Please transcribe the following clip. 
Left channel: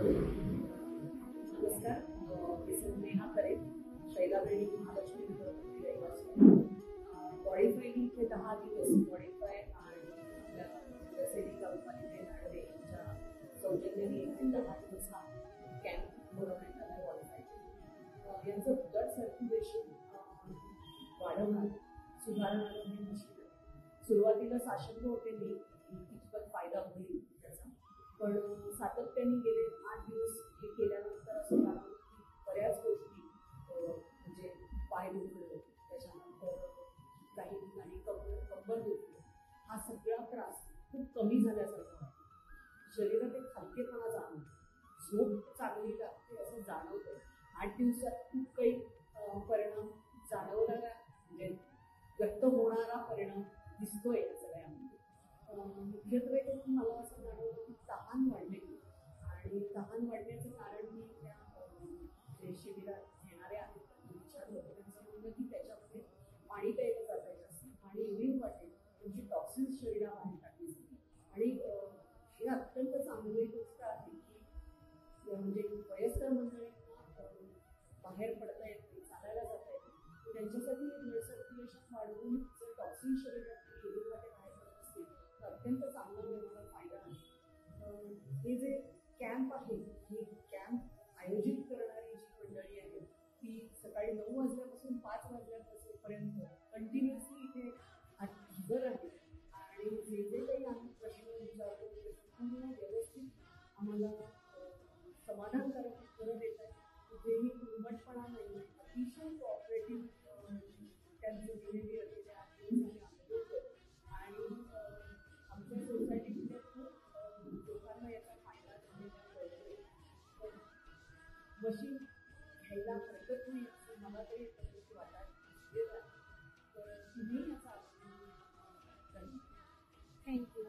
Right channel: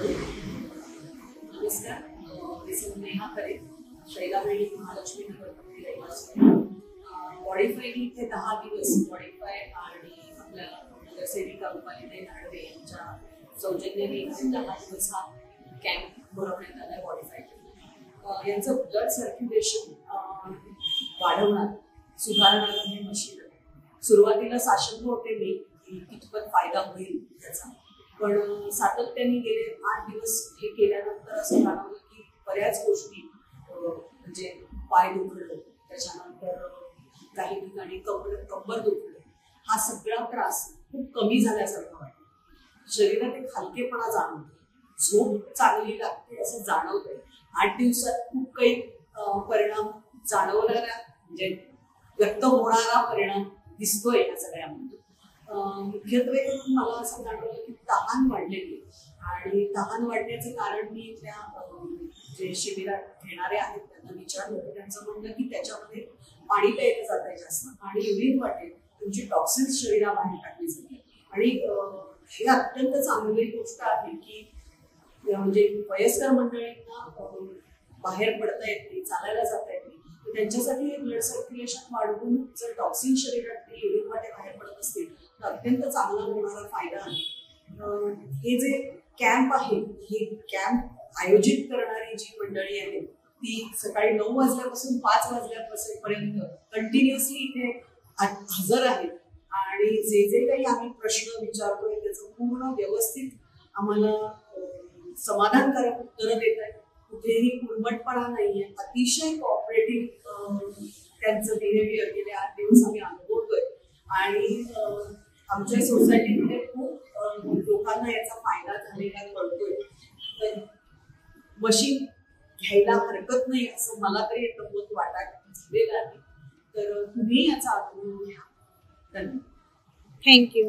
नमस्कार, मी नेहा करे, शैलावेळी महालक्ष्मी नगरमध्ये रहिवासी. मॉडिफायनी इथे 10 दिवस मॉडिफाय आणि आपल्या सेविका रुपालीताई धाडवे यांच्या सौजन्याने इथे 10 दिवस हा कॅम्प भरवण्यात आला. मॉडिफाय यांचं ब्लड सर्क्युलेशन वाढवणार, सुधारणार हे मशीन. सुरुवातीला साशंक होते मी कितपत फायदा होईल त्याचा, पण सातत्याने गेले 8 दिवस हे केल्यानंतर असं जाणवलं की बऱ्याच गोष्टी, म्हणजे पाय दुखलं, त्याच्यानंतर काही ठिकाणी कंबर दुखलं, हा सगळा त्रास खूप कमी झाल्यासारखं वाटतं. शरीरात एक हलकेपणा जाणवतो, झोप चांगली लागते असं जाणवतंय. 8 दिवसात खूप काही परिणाम जाणवणारा, म्हणजे व्यक्त होणारा परिणाम दिसतोय या सगळ्यामध्ये. मुख्यत्वे करून मला असं जाणवलं की तहान वाढलेली, आणि तहान वाढण्याचं कारण मी त्या जे शिबिरात घेणारे आहेत त्यांना विचारलं होतं. त्यांचं म्हणणं की त्याच्यामध्ये पाणी प्यायलं जात आहे जास्त, आणि युरिन वाटेल तुमची टॉक्सिन्स शरीराबाहेर टाकली जाते. आणि हे अत्यंत चांगली गोष्ट आहे की म्हणजे वयस्कर मंडळींना बाहेर पडता येत नाही, चालायला जाता येत नाही, तर त्यांच्यासाठी हे ब्लड सर्क्युलेशन वाढवून जर टॉक्सिन शरीरात युरिन वाटे बाहेर पडत असतील तर अत्यंत चांगला होणारा फायदा आहे. हे जे कॅम्प आहे, हे कॅम्प आयोजित करणारी जी मंडळी आहे ती सकाळी 9 वाजल्यापासून 5 वाजल्यापर्यंत कंटिन्युअसली इथे हजर आहेत, आणि जे जे काही आम्ही प्रश्न विचारतोय त्याचं पूर्ण व्यवस्थित आम्हाला समाधानकारक उत्तरं देत आहेत. कुठेही कुरमटपणा नाहीये, अतिशय कॉपरेटिव्ह त्यांचं बिहेवियर गेले 8 दिवस आम्ही अनुभवतोय. आणि आमच्या सोसायटीमध्ये खूप लोकांना याचा फायदा झालेला कळतोय. तर मशीन घ्यायला हरकत नाही असं मला तरी मत वाटायला झालेलं आहे. तर तुम्ही याचा अनुभव घ्या. धन्यवाद. थँक्यू.